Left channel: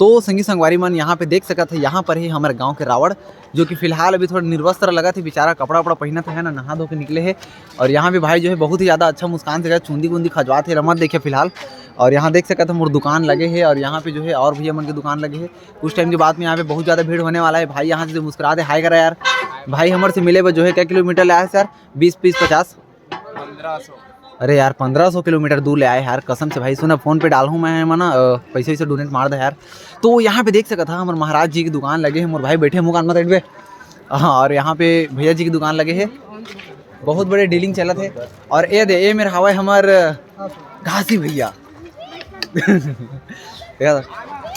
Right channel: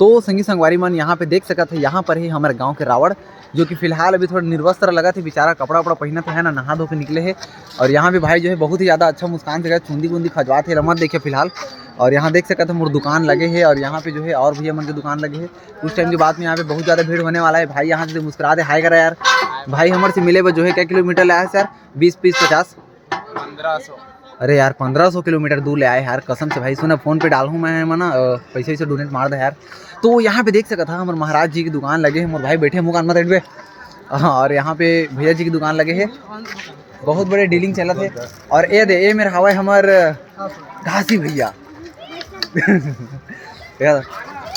तो संगी संगवारी मन यहाँ पे देख सकत है, यहाँ पर ही हमारे गांव के रावण जो कि फिलहाल अभी थोड़ा निर्वस्त्र लगा थे, बेचारा कपड़ा वपड़ा पहना था है ना, नहा धो के निकले है। और यहाँ पे भाई जो है बहुत ही ज़्यादा अच्छा मुस्कान से चूंदी बूंदी खजवा थे रमत देखे फिलहाल। और यहाँ देख सकते हैं मोर दुकान लगे है और यहाँ पे जो है और भैया मन के दुकान लगे है। कुछ टाइम के बाद में यहाँ पे बहुत ज़्यादा भीड़ होने वाला है। भाई यहाँ से मुस्कुरा दे, हाय करा यार। भाई हमारे से मिले जो है क्या किलोमीटर लाया है सर? 20 30 50 1500। अरे यार 1500 किलोमीटर दूर ले आए यार, कसम से भाई। सुना फ़ोन पे डालूँ मैं मना पैसे से डोनेट मार दे यार। तो यहाँ पे देख सकता था हमारे महाराज जी की दुकान लगे हैं, मोर भाई बैठे मुकान मत पे। हाँ, और यहाँ पे भैया जी की दुकान लगे है, बहुत बड़े डीलिंग चला थे। और ये दे ये मेरे हवा हमार घासी भैया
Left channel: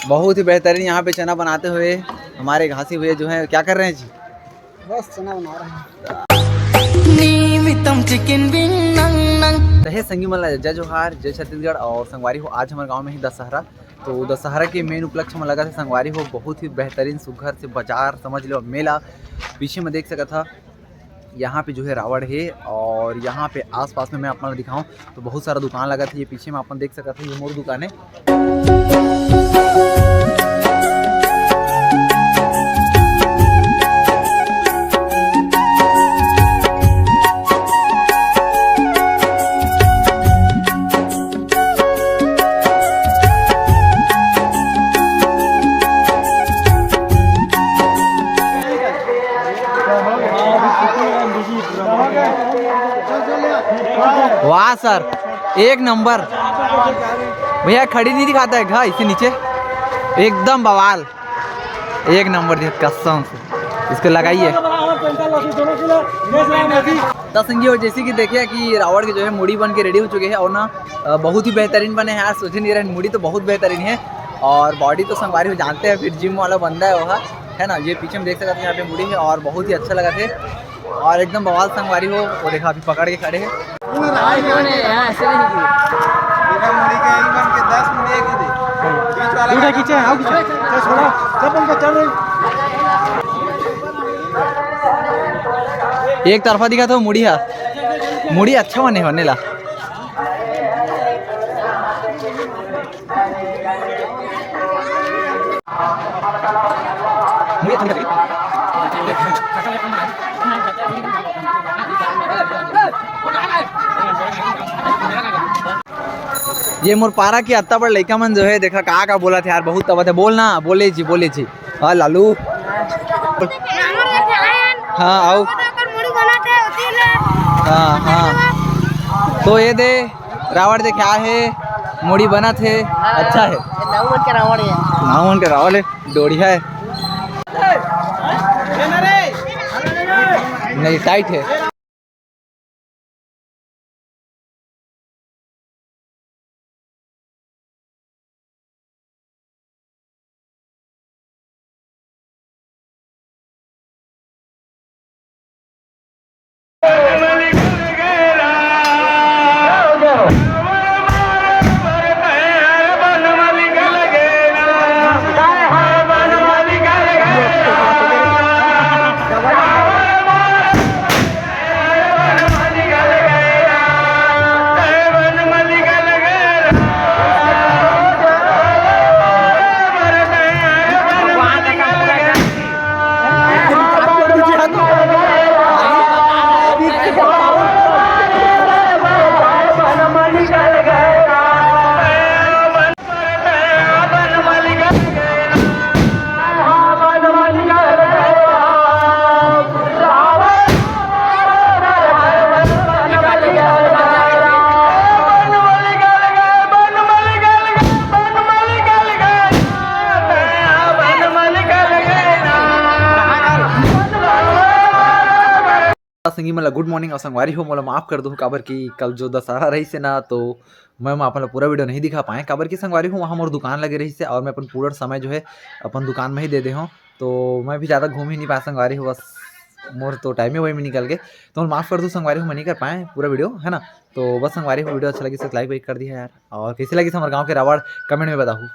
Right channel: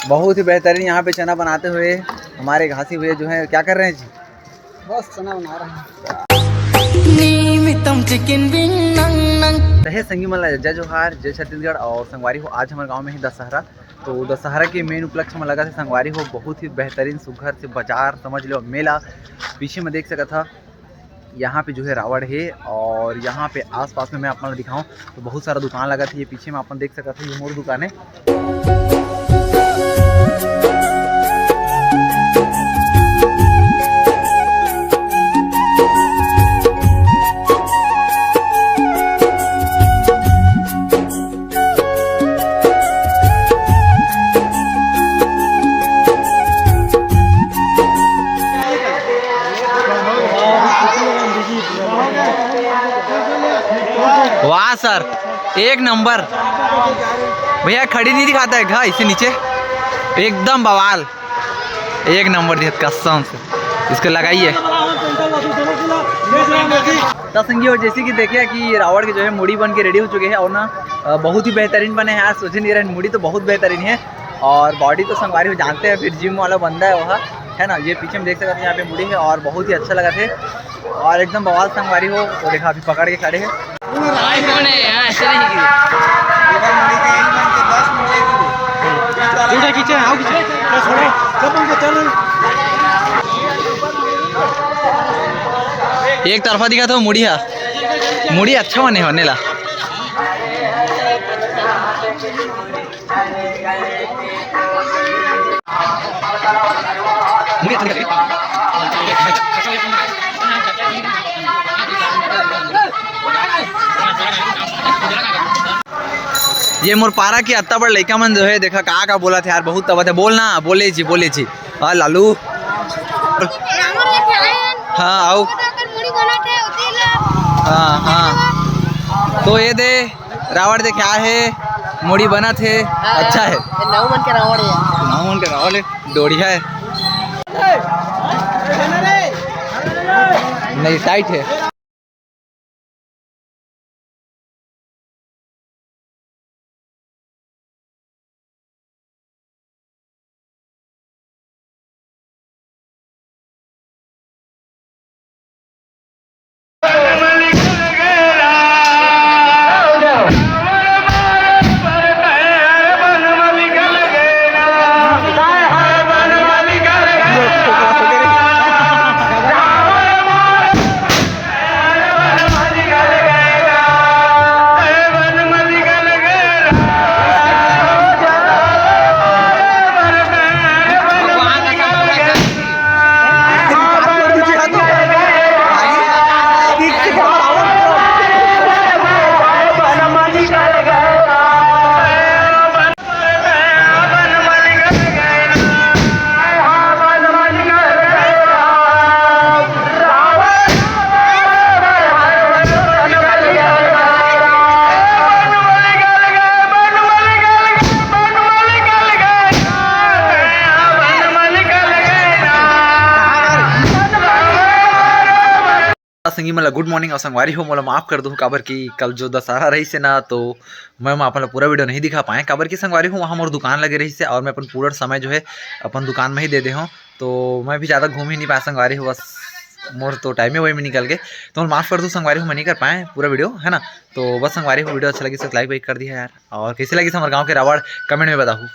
बहुत ही बेहतरीन यहाँ पे चना बनाते हुए हमारे घासी भैया जो है क्या कर रहे हैं जी? बस चना बना रहे हैं। संगी मला जय जोहार, जय छत्तीसगढ़। और संगवारी हो आज हमारे गांव में ही दशहरा, तो दशहरा के मेन उपलक्ष्य में लगा था संगवारी हो बहुत ही बेहतरीन सुघर से बाजार समझ लो मेला। पीछे में देख सका था यहाँ पे जो है रावण है और यहाँ पे आसपास में मैं अपना दिखाऊं तो बहुत सारा दुकान लगा था। ये पीछे में अपन देख सका था, ये मोर दुकान है। वाह सर, एक नंबर भैया। खड़ी नहीं दिखाता है घा इसे नीचे, एकदम बवाल, एक नंबर दिया कसम से। इसको लगाइए संगी हो। जैसे कि देखिए कि रावण के जो है मुड़ी बन के रेडी हो चुके हैं और ना बहुत ही बेहतरीन बने हैं यार। सोचे नहीं रहे मुड़ी तो बहुत बेहतरीन है और बॉडी तो संगवारी हो जानते हैं, फिर जिम वाला बंदा है वहाँ है ना। ये पीछे में देख सकते हैं यहाँ पे मुड़ी है और बहुत ही अच्छा लगा थे और एकदम बवाल संगवारी हो। वो देखा अभी पकड़ के खड़े हैं। एक तरफा दिखा था मुड़ी है, मुड़ी अच्छा बने होने ला। ये मोर पारा की अत्ता बड़ लड़का मन जो है देखा का बोला थे यार, बहुत तबत है। बोलना बोले जी हाँ लालू। हाँ आओ। हाँ हाँ, तो ये दे रावण दे क्या है मोड़ी बना थे, अच्छा है। नाउमन के रावण है, डोढ़िया है नहीं टाइट है। संगी मला गुड मॉर्निंग और संगवारी हो मोला माफ़ कर दो काबर की कल जो दशहरा रही से ना, तो मैं अपन पूरा वीडियो नहीं दिखा पाए काबर की संगवारी हूँ वहाँ मोर दुकान लगे रही से और मैं अपन पूरा समय जो है अपन दुकान में ही दे हूँ, तो मैं भी ज़्यादा घूम ही नहीं पाया संगवारी हूँ। बस मोर तो टाइम ही वही में निकल गए, तो माफ़ कर दो संगवारी हूँ, मैं नहीं कर पाए पूरा वीडियो है ना। तो बस संगवारी हूँ वीडियो अच्छा लगी तो लाइक वाइक कर दिया यार, और कैसे लगी हमारे गाँव के रावण कमेंट में बताऊँ।